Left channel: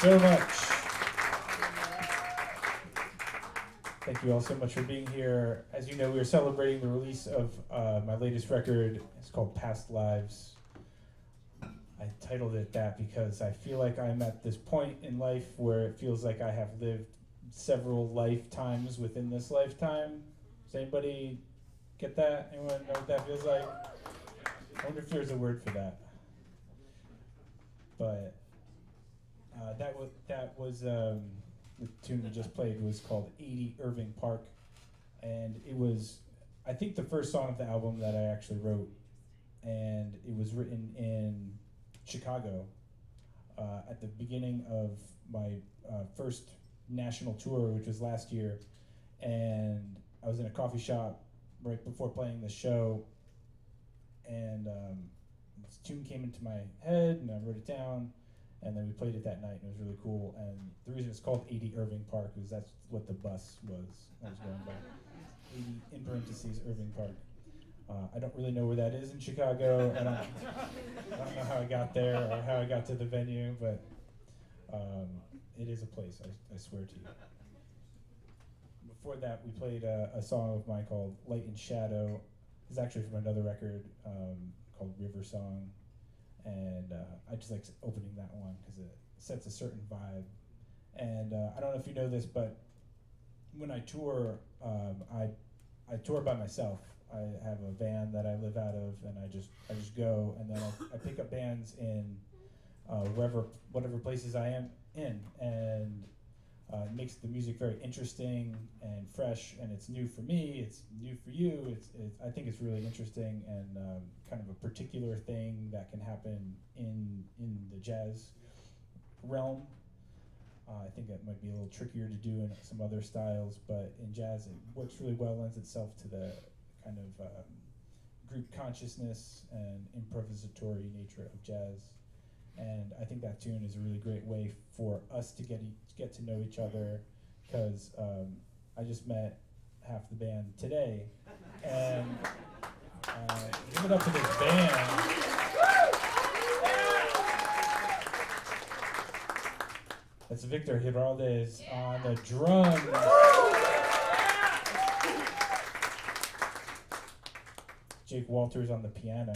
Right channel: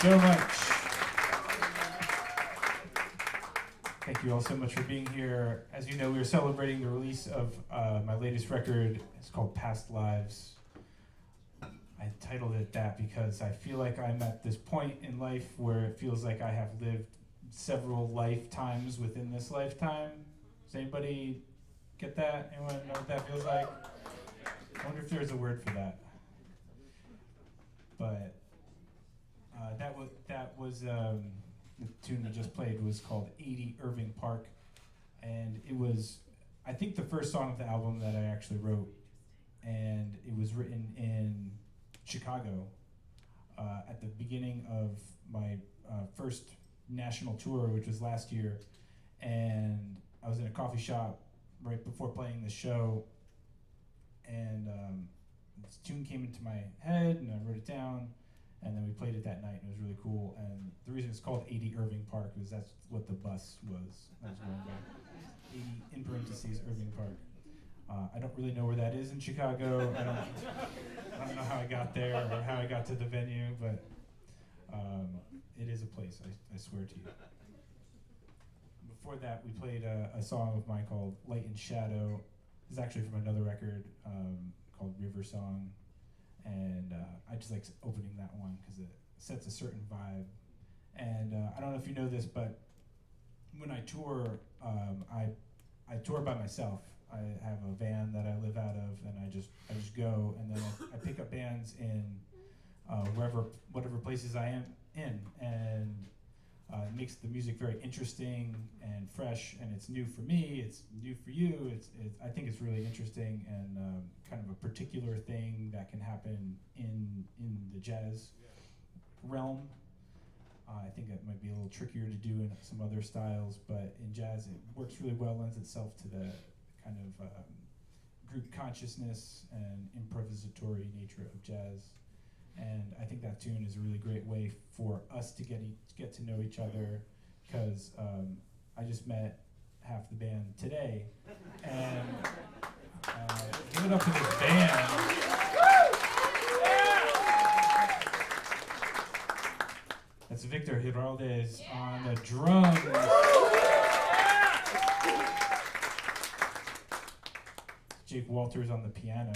so much. Thank you all so much for being here. As you know, we are celebrating the release of my latest record. It's called Past Lives. I titled it that because I feel like I'm at this point in life where it feels like I have lived several lifetimes within this lifetime. Does anybody get that? Anyone know what that feels like? I wonder if there's a word for that. But that was the tune we just played was called 80 Irving Park, and it was, I think, the first song of the album that I actually wrote, and it was written in Chicago at the beginning of my first national tour, which was last year, and I was in a coffee shop right before playing the show, and this tune came into my head, and I wrote it down, and then we played it that night, and it was really cool. And the reason it's called 80 Irving Park is that's what the bus was. I was going by 80 in parentheses Irving Park. I don't really know where that is in Chicago. I don't know how I got there or how I got to the venue, but it is a place, I swear to you. Before that, we played a song of mine called Light and Shadow. It's actually from another record called River Song. And I just like opening that one because it sets a certain vibe. And I don't know if you know this, but when I tour, I tour by myself. I have a van that I live out of, and I just go, and then I pick up bands in whatever places I am in, and it makes the music very interesting and fresh, and it's new for me, it's new for you. I think it's really interesting and kind of a particular thing that can happen in the jazz realm. I think that might be a little trickier to do in some other styles, but in jazz it works really well, lends itself to the kind of group consciousness and improvisatory nature of jazz. And I think that tune is a really great way for us to get to know each other, because I just met half the band today, and give it up for this band. That's Victor Giraldes on the drums. Jake Walters on the piano.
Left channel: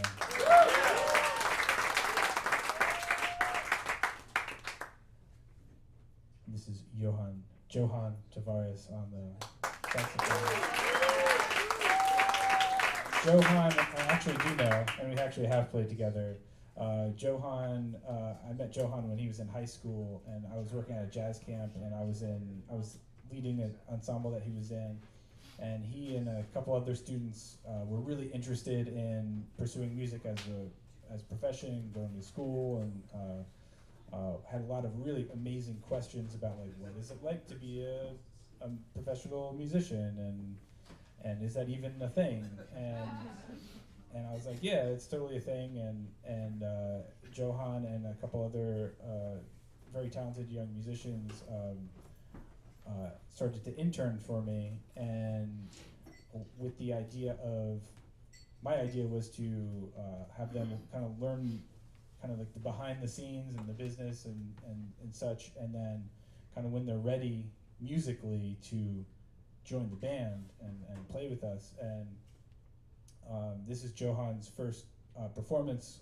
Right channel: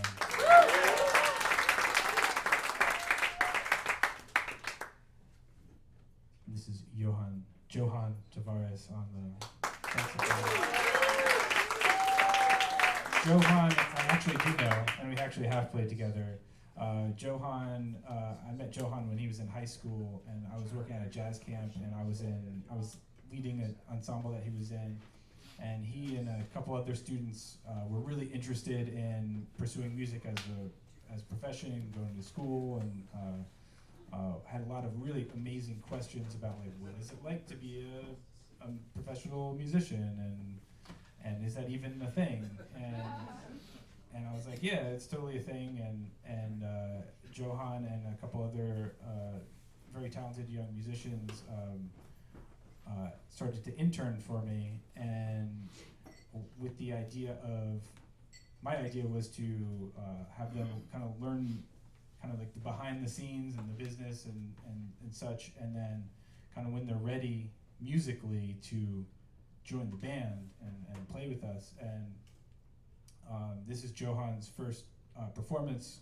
This is Johan Tavares on the saxophone. Johan, I actually do know, and we actually have played together. I met Johan when he was in high school, and I was working at a jazz camp, and I was leading an ensemble that he was in, and he and a couple other students were really interested in pursuing music as a profession, going to school, and had a lot of really amazing questions about, like, what is it like to be a professional musician, and is that even a thing? And I was like, yeah, it's totally a thing. And Johan and a couple other very talented young musicians started to intern for me, and with the idea of, my idea was to have them kind of learn kind of like the behind the scenes and the business and such, and then kind of when they're ready musically to join the band and play with us. And this is Johan's first performance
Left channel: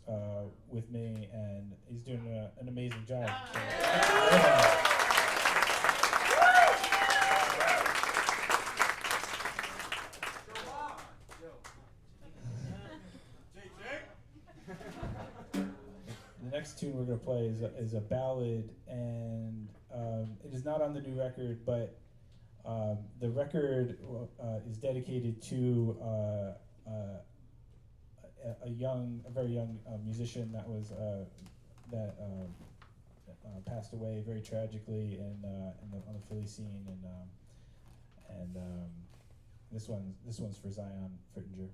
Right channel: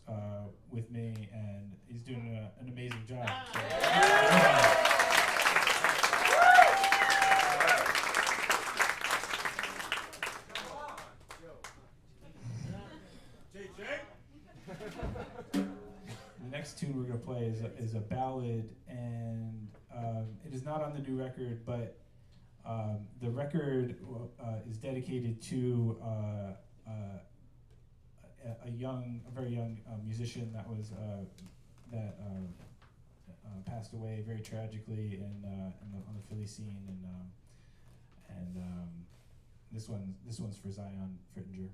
with me, and he's doing an amazing job. So, the next tune we're going to play is a ballad, and it is not on the new record, but the record is dedicated to a very young musician that passed away very tragically on the Philly scene, and this one's for Zion Frittinger.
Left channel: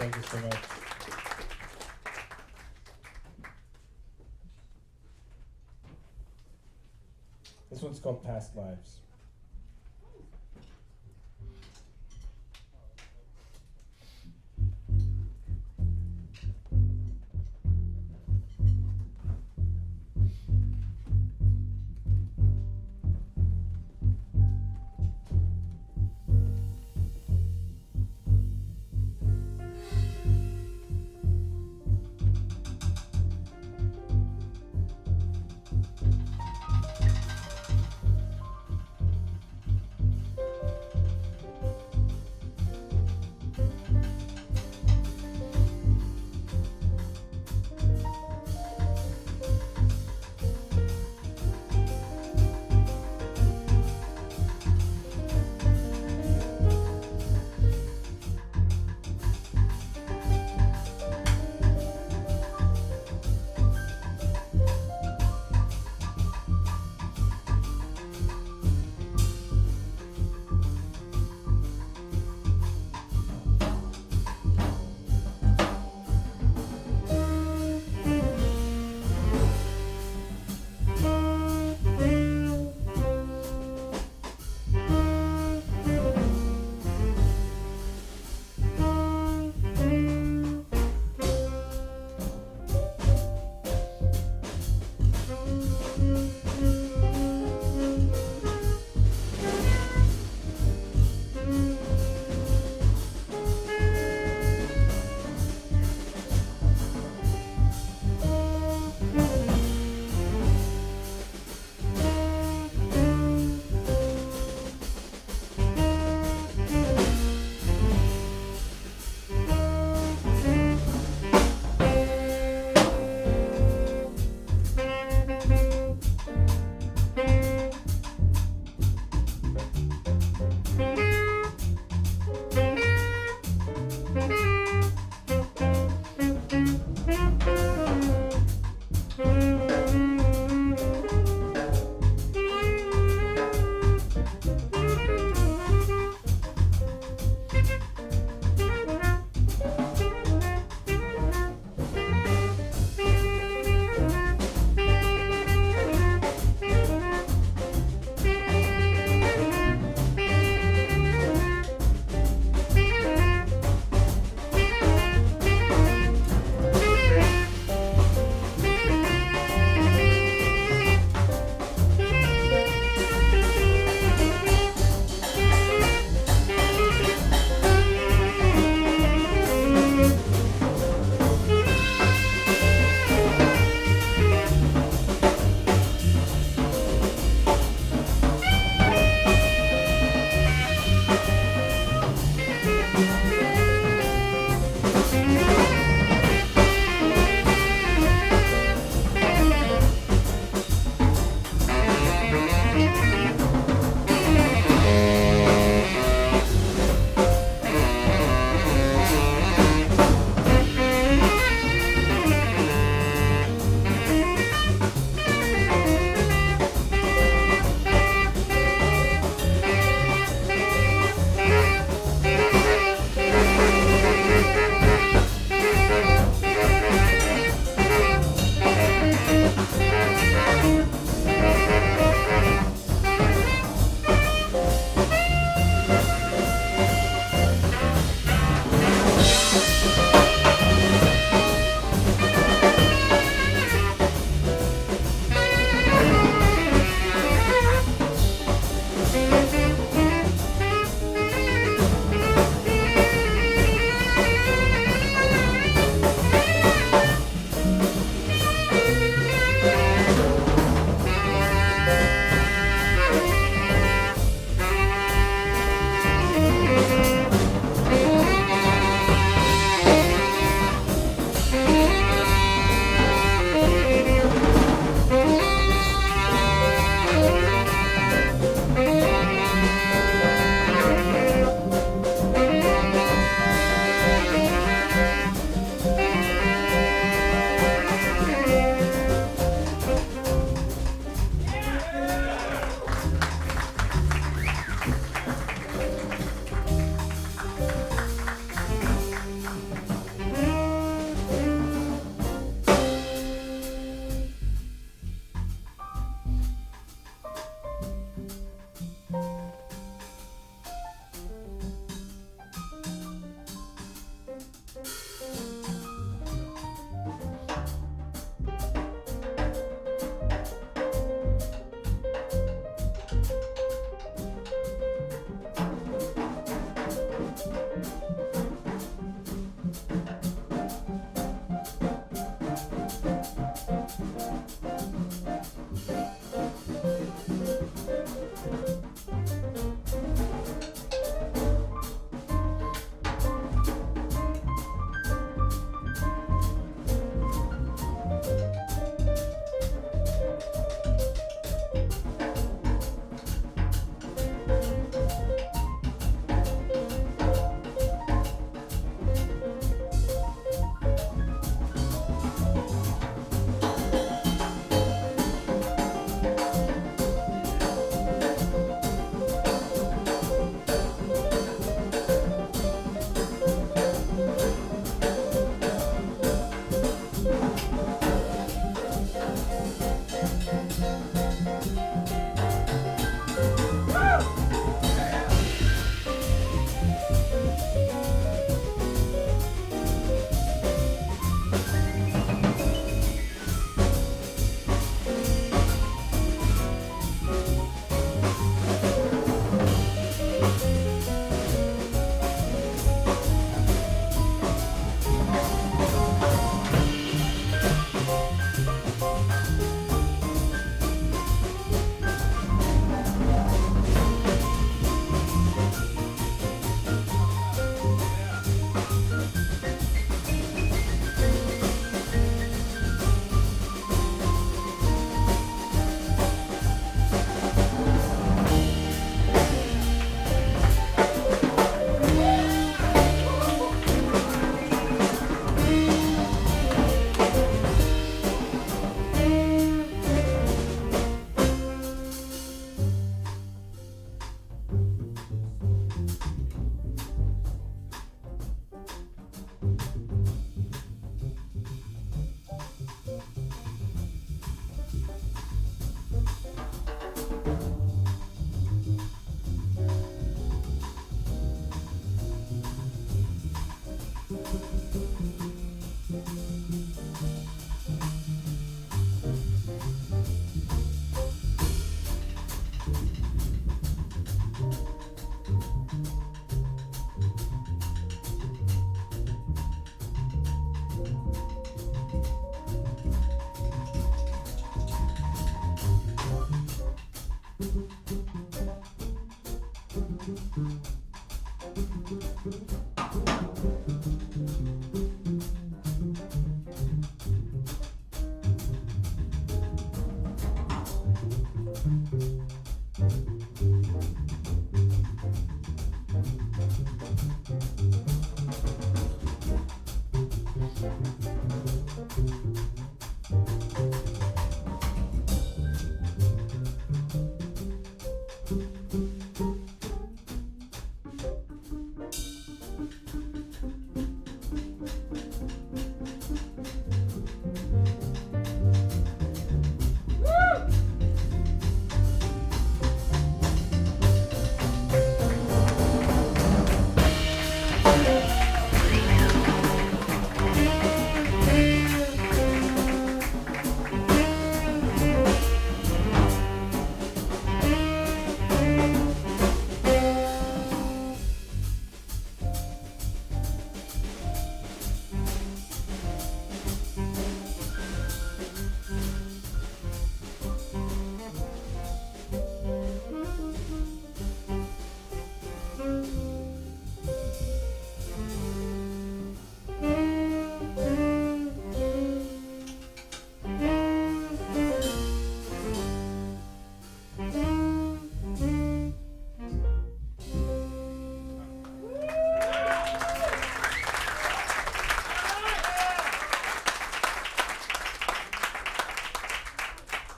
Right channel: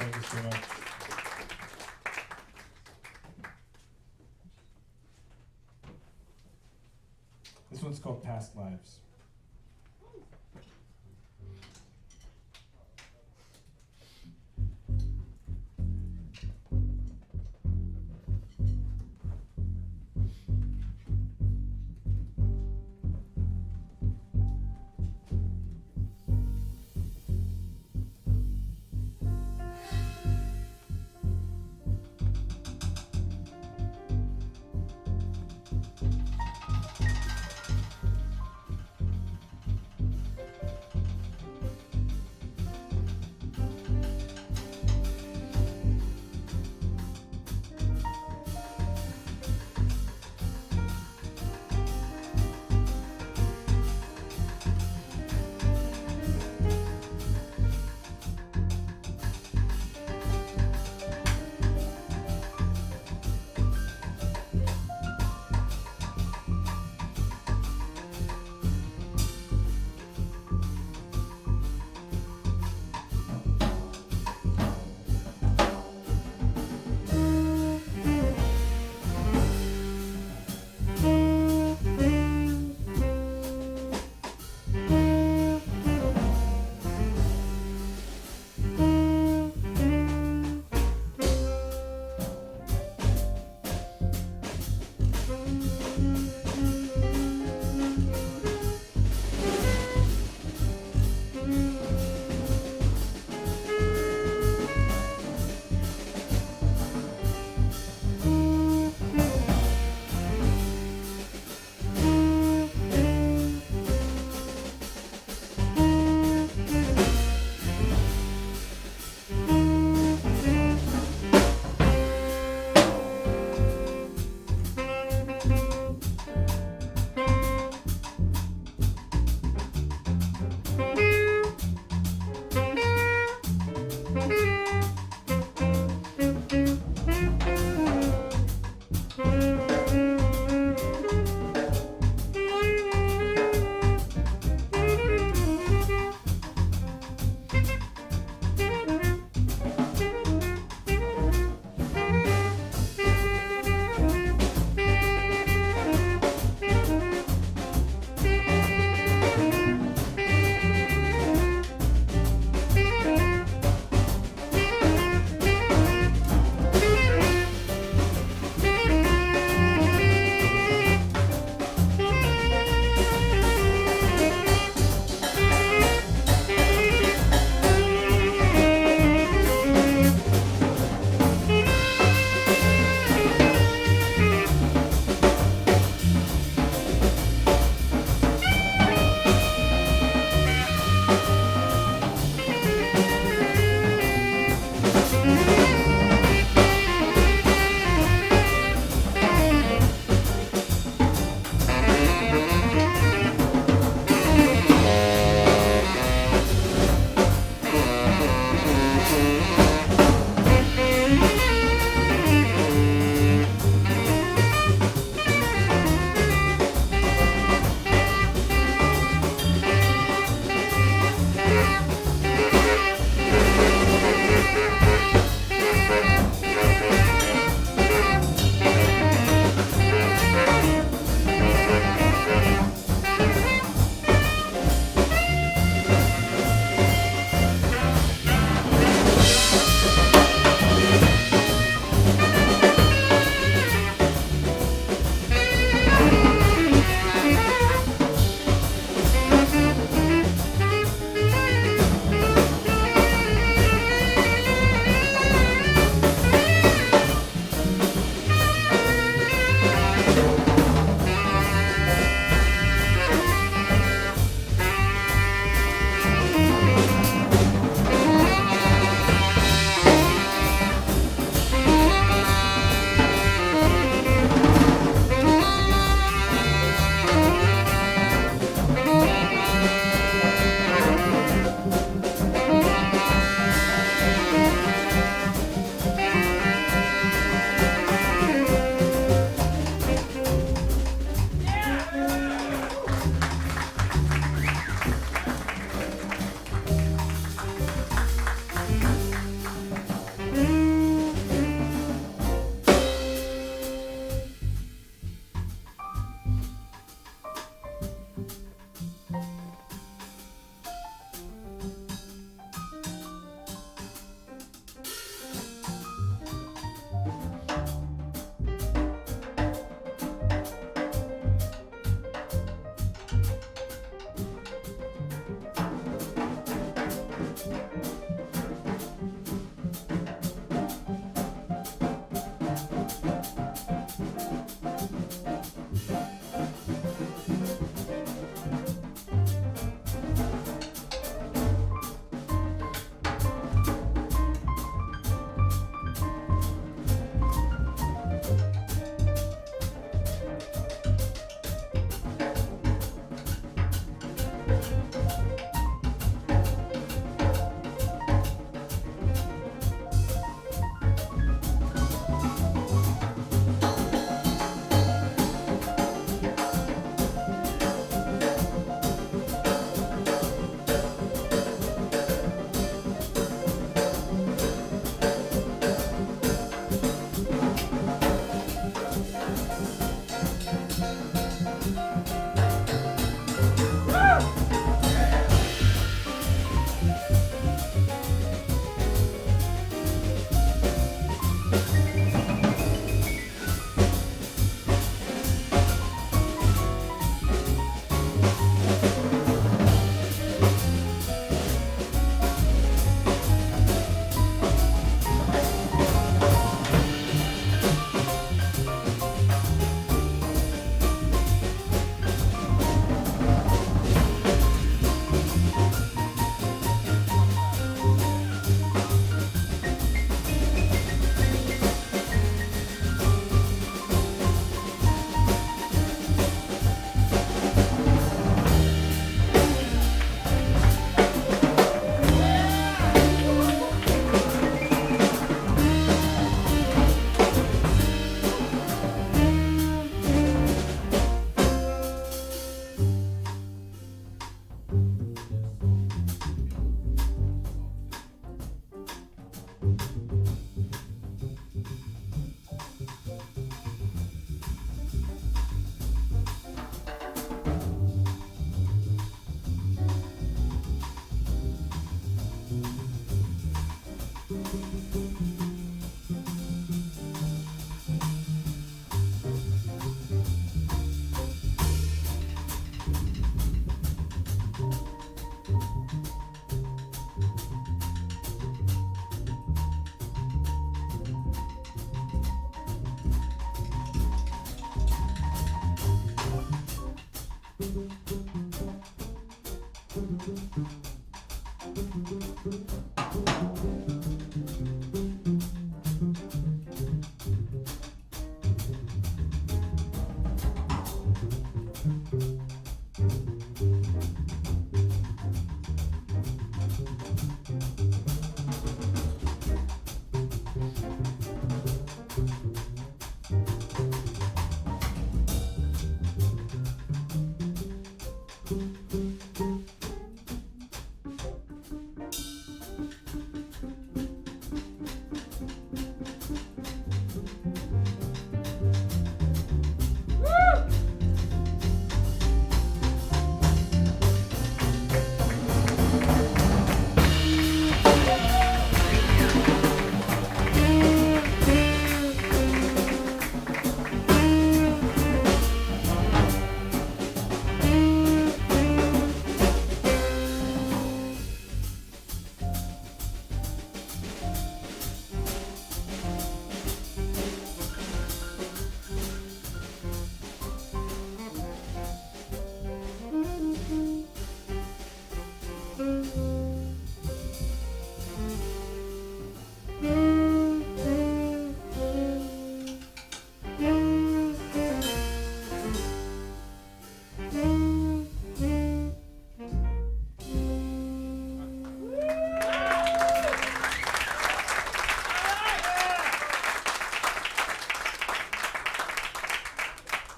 Thank you so much. This one's called Past Lives.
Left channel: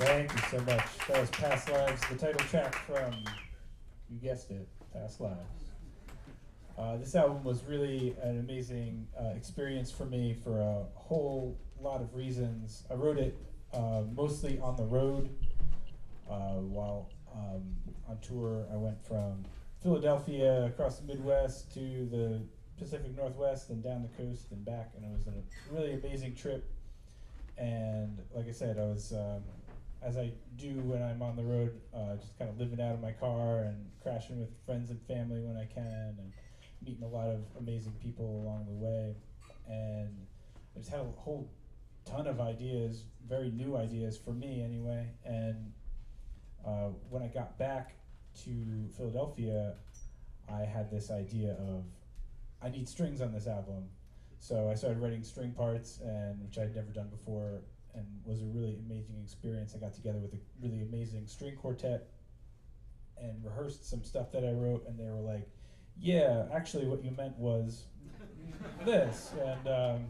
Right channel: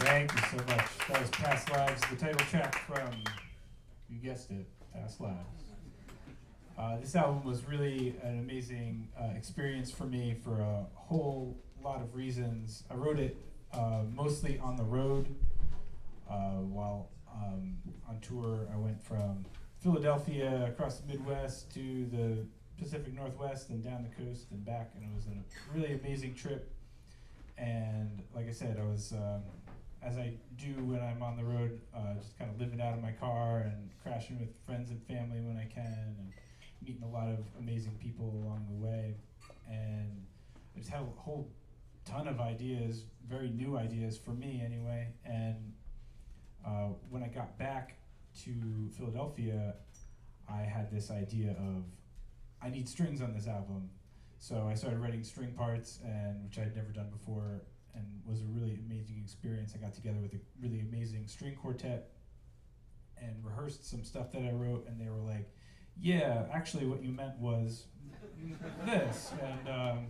Thank you so much. That was Past Lives, the title track from, you guessed it, Past Lives. This album was really an amazing experience for me for a whole lot of reasons. I wrote it mostly on the road while on tour. I went from Philadelphia across the Midwest to the Pacific Northwest and down the coast and back, and it was a really amazing trip. And like I said, I was, as I do when I'm on the road, just kind of living out of my car and crashing with friends and family when I can, and meeting a lot of amazing people along the way. And I just had a whole ton of ideas, very new ideas for me anyway. And when I got back to Philadelphia, I had this idea of, I need strings on this album. So I started writing string parts, and which I'd never done before, and was a really amazing experience. I got together with a really amazing string quartet and rehearsed some stuff that I wrote, and they were like, yeah, actually what you meant was this, and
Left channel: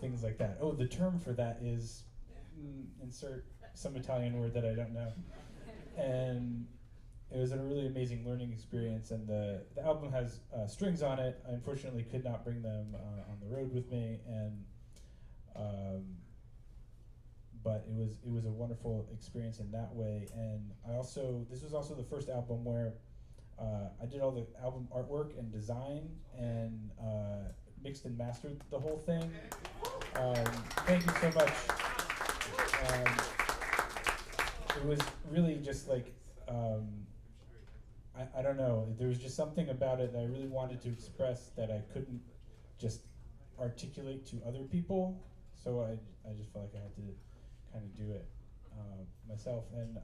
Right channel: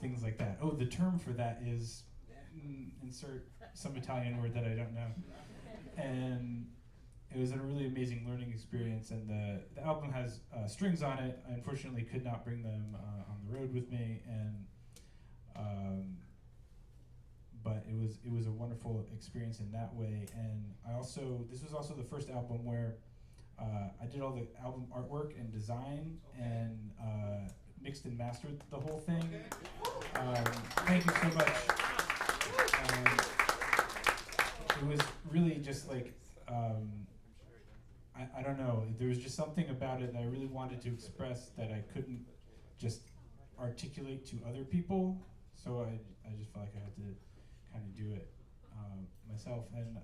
things like that. Oh, the term for that is, insert some Italian word that I don't know. And it was a really amazing learning experience, and the album has strings on it. I unfortunately could not bring them on the road with me, and but it was a wonderful experience in that way. And this was also the first album where I did all the album artwork and design, and mixed and mastered the whole thing. Thank you so much. It was really just like, I don't know, there was just something about it that I really wanted to express that I couldn't just articulate to other people. So I just felt like I had to kind of do it myself. And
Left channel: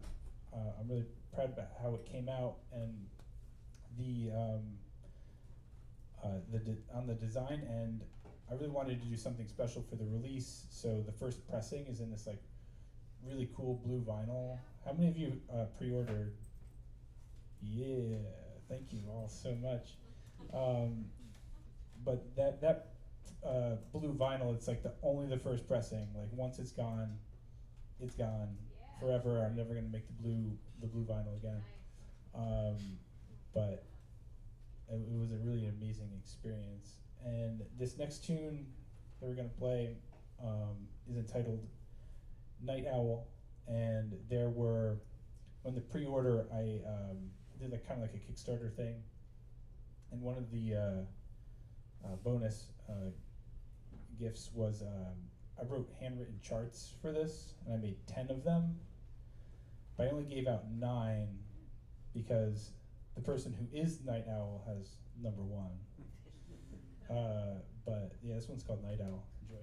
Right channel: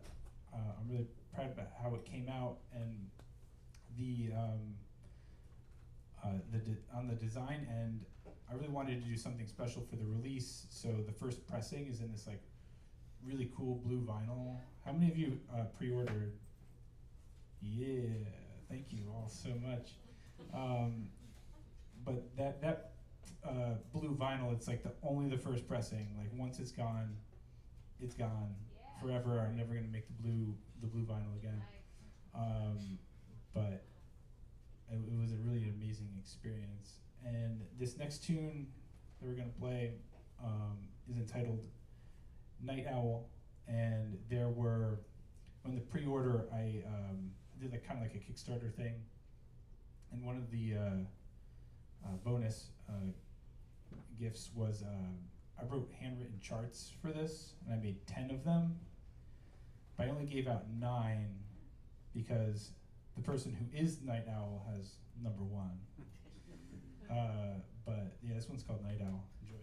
I'm really proud about how it came out. And on the design end, I really wanted to do something special for the release. So the first pressing is in this like really cool blue vinyl. How many of you pre-ordered? Yeah, thank you all so much. But that blue vinyl, it's like only the first pressing. Like once it's gone forever. I'm never gonna make the blue vinyl again. But it was a really amazing experience. And this next tune that we're gonna play is entitled Night Owl. And there were, on the pre-order, I did like kind of like a Kickstarter thing, and one of the bonus gifts was I wrote handwritten charts for this, and I made 10 of them, but I only gave out 9 because the person who is Night Owl has number 1. But yeah, this one's called Night Owl. Enjoy.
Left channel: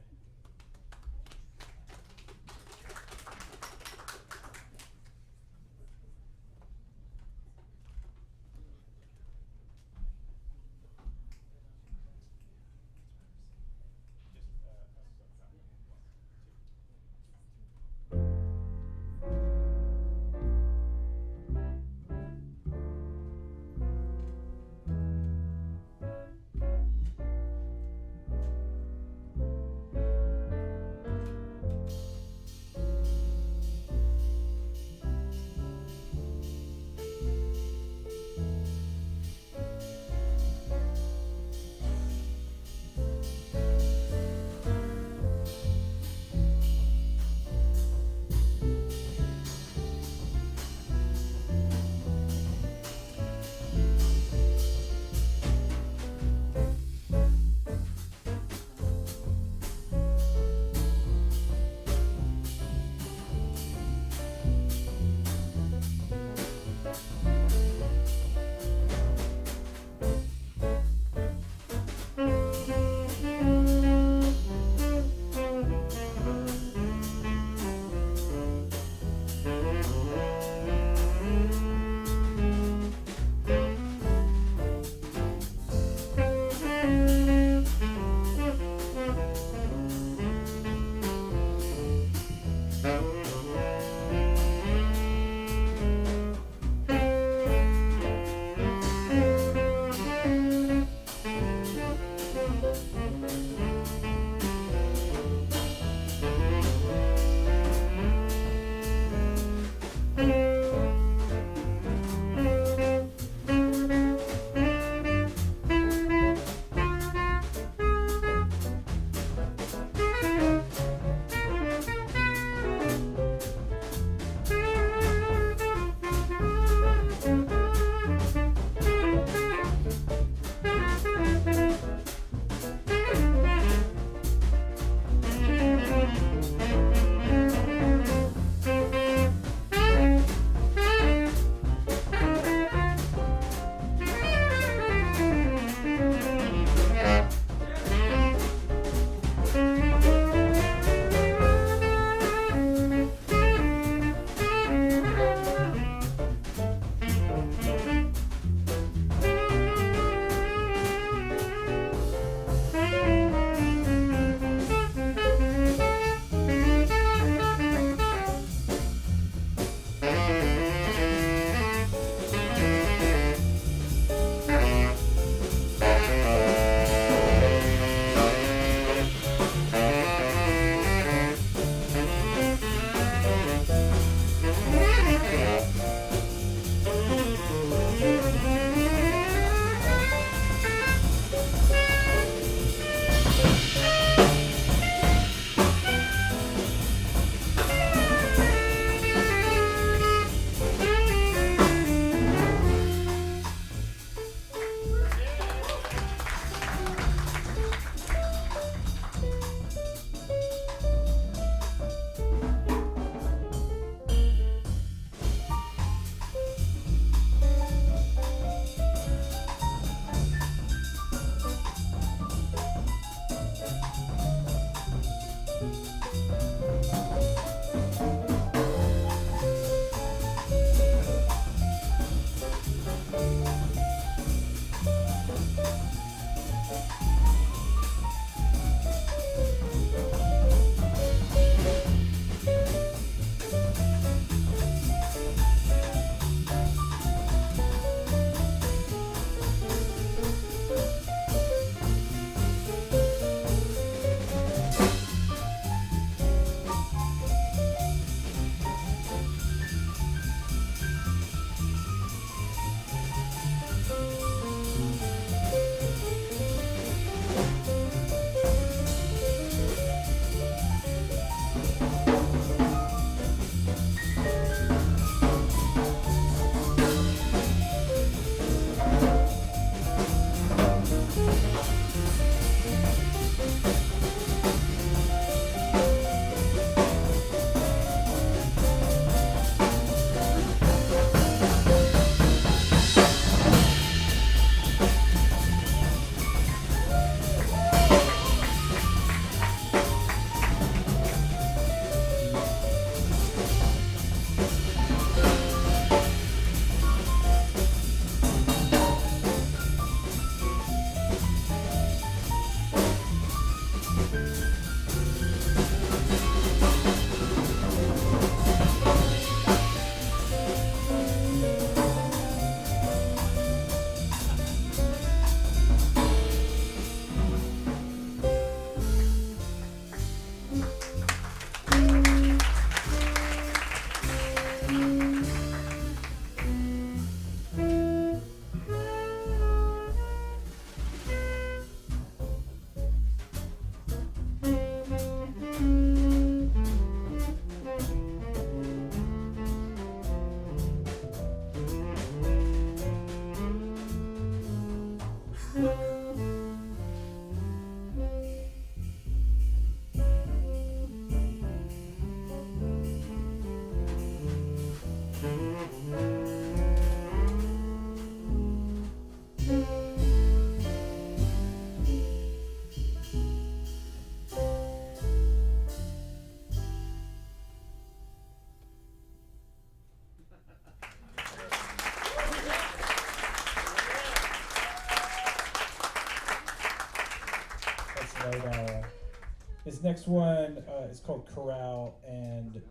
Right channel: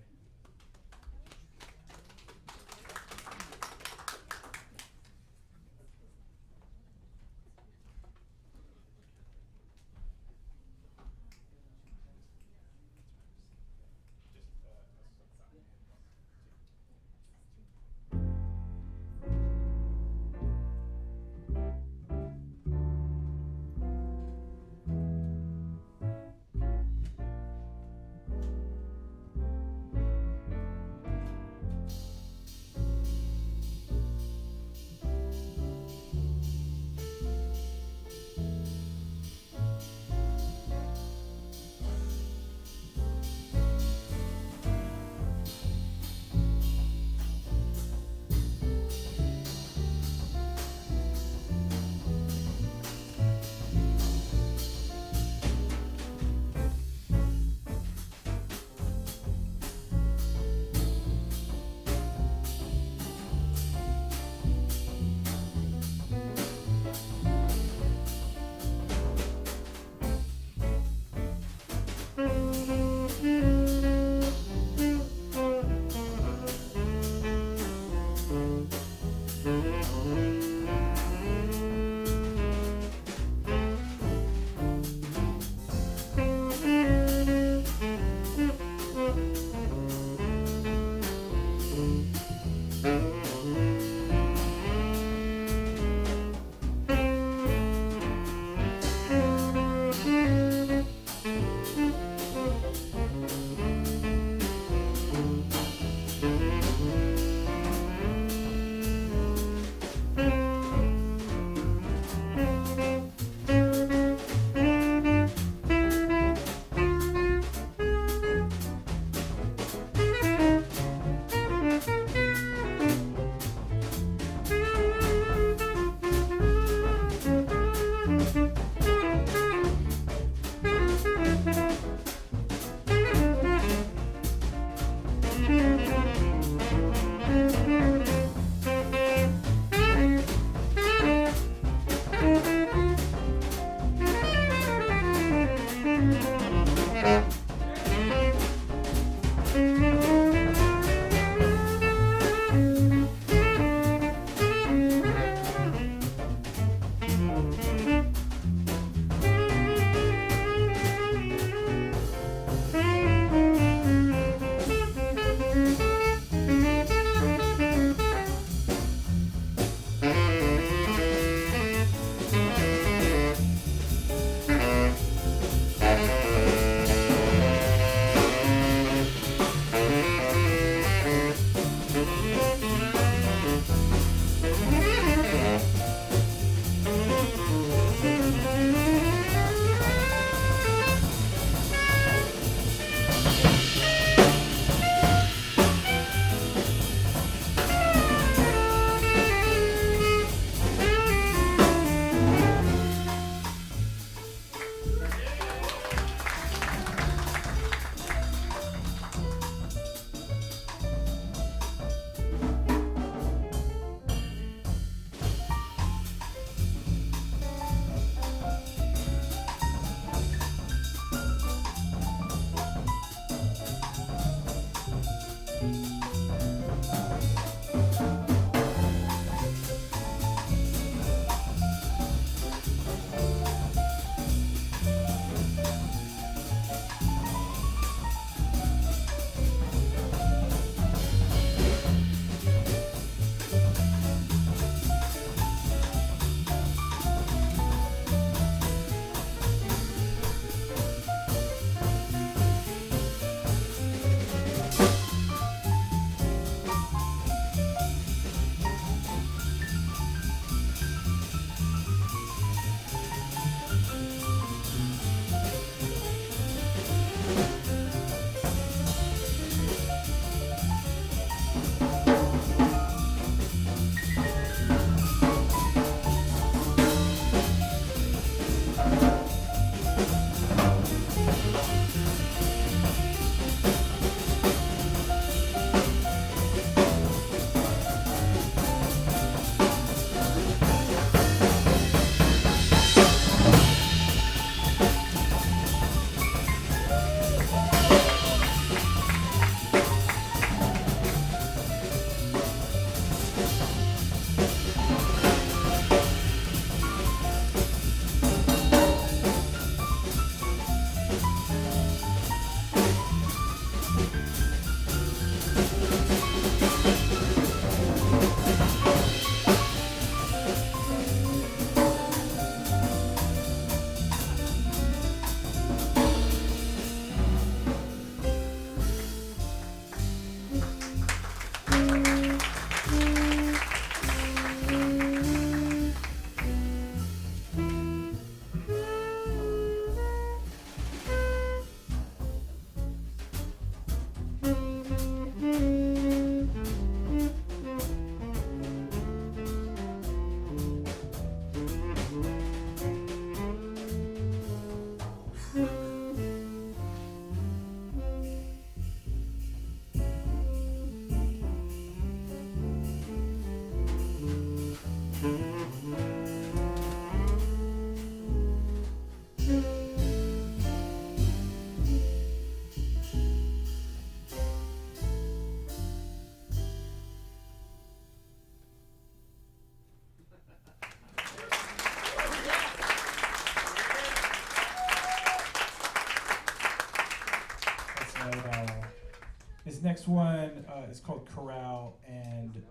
next one is called Corral, and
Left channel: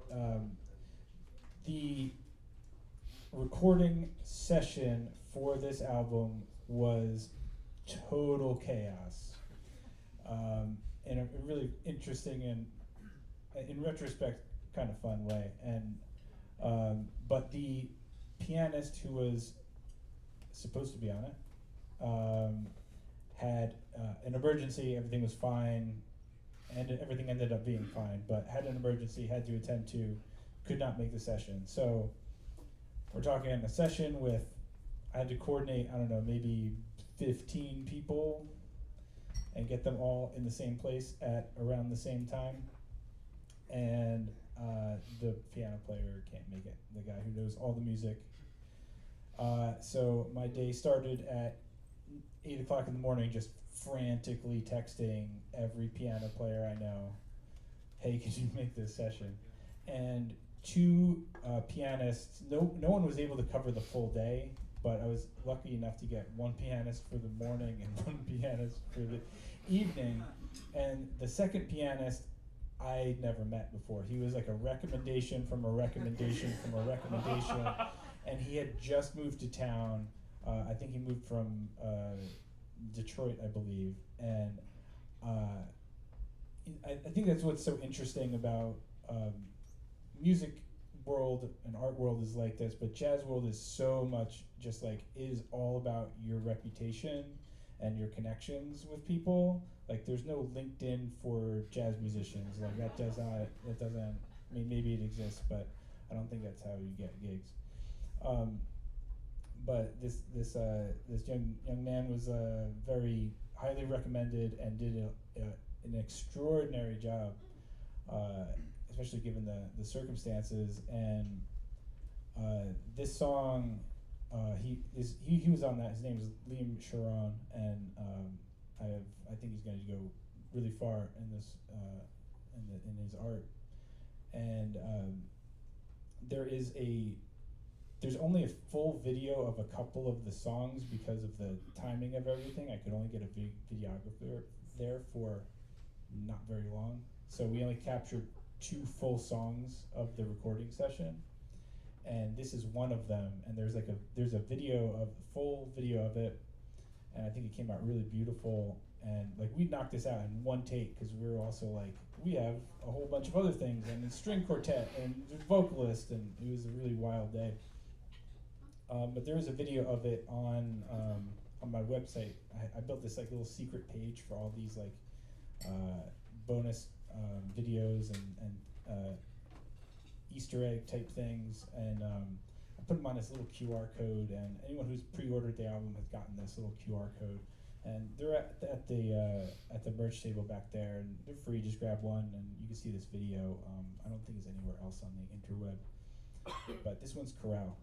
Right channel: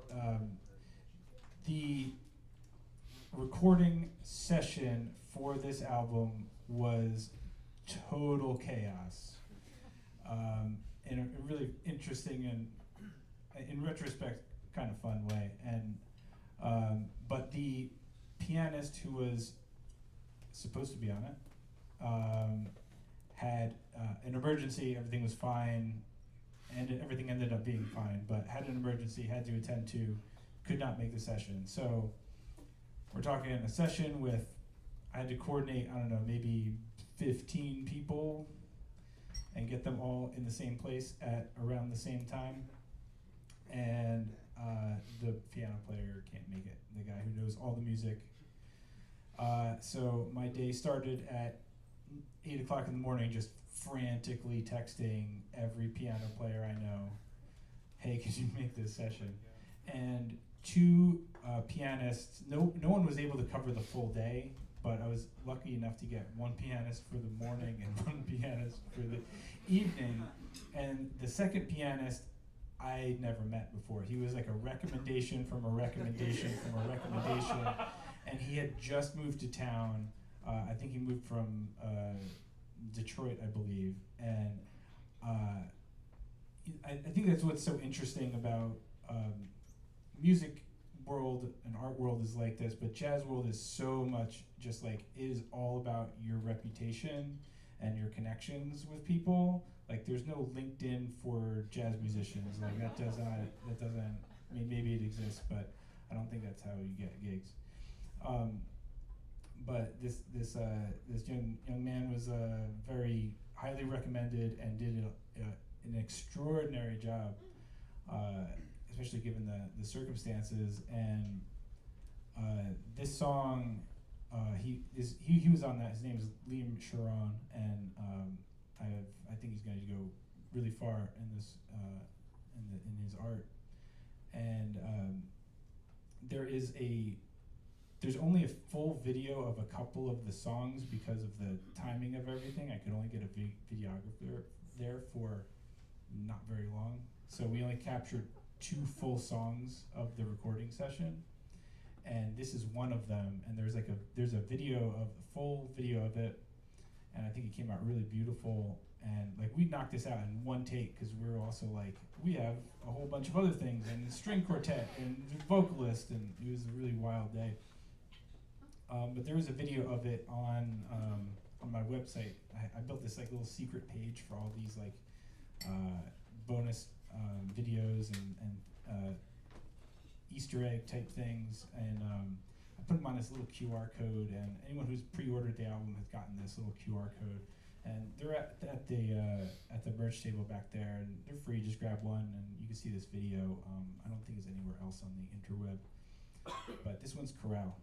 the recording session for this album was total chaos, in a really interesting and, in retrospect, kind of fun way. And but the pianist who was supposed to be on it had an emergency. Everything was fine, and everything ended up being fine, but had an emergency, had to attend to, could not make the session. So we're talking in a session with, I had to coordinate, I don't know, maybe 15 people and get them all in the same place at around the same time. And the piano player can't make it, the guy who knows all the music. So my day started at 8 o'clock in the morning, just frantically texting every piano player I know, hey, could you make this session? And two pianists, no one was able to cover the full day, but I was lucky enough to get one pianist for the morning and one pianist for the evening. And the second pianist I never met before. He was like a recommendation from a recommendation from a recommendation. And he had just moved to town. I think he moved from Detroit, I believe. And I think that's what's so interesting about music world and art world is like this, but jazz world is so much just like, it is all about your reputation and your connections with people. Like, there's no LinkedIn for jazz musicians. Like, that doesn't, I mean, maybe it exists, but I don't think that's how you get gigs. But this young man was very highly recommended and did an extraordinary job, especially given the circumstances. And this song, he was on that. His name is Liam Sharon, and I think he's going to go really far in this in his art. And there's only a full video of a couple of the songs because of the timing of everything. I could only get a videographer there for not very long, so we only captured 2 full songs of the recording session, and this is one of them. And there's a full video of it, and I think it came out really beautiful. And like, we knocked this out in one take because we were also like, we have a whole bunch of other things and a string quartet and the vocalist, and it was a really wild day. But there is a video of it on my website. I built this like little secret page for all these like bonus videos and Easter egg type things, and I put them on this little QR code, and anyone who's pre-ordered the album has gotten this little QR code. And they're at the merch table back there, and they're free. Just grab one, and you can see this video. I don't think it's anywhere else on the interweb, but this one's Corral.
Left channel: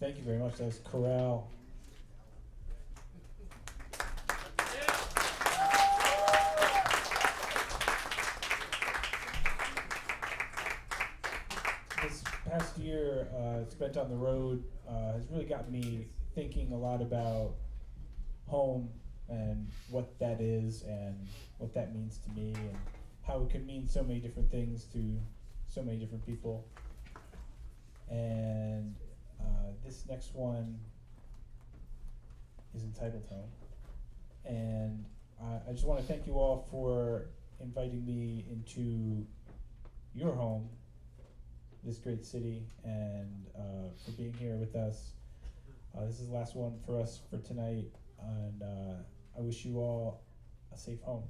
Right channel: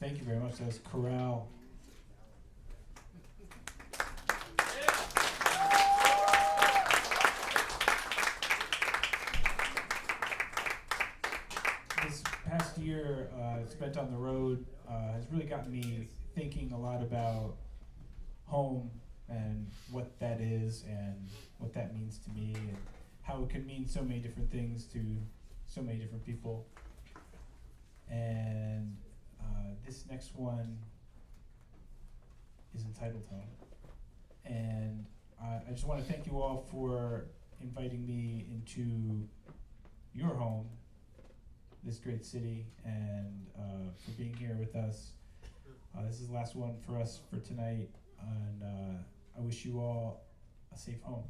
Thank you very much. That was Corral. This past year spent on the road has really got me thinking a lot about home and what that is and what that means to me and how it could mean so many different things to so many different people. And this next one is entitled Home. And I just want to thank you all for inviting me into your home, this great city, and for being here with us. This is the last one for us for tonight, and I wish you all a safe home.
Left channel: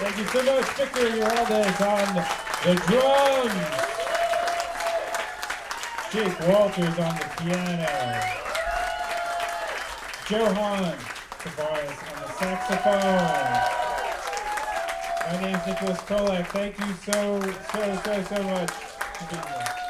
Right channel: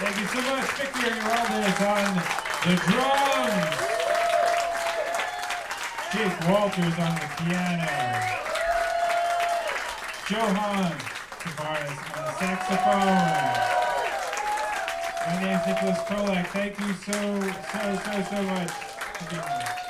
Thank you so much, Victor Hernandez on the drums. Jake Walters on the piano. Johan Tavares on the saxophone. My name is Nicholas Krolak. Thank you so much for being here.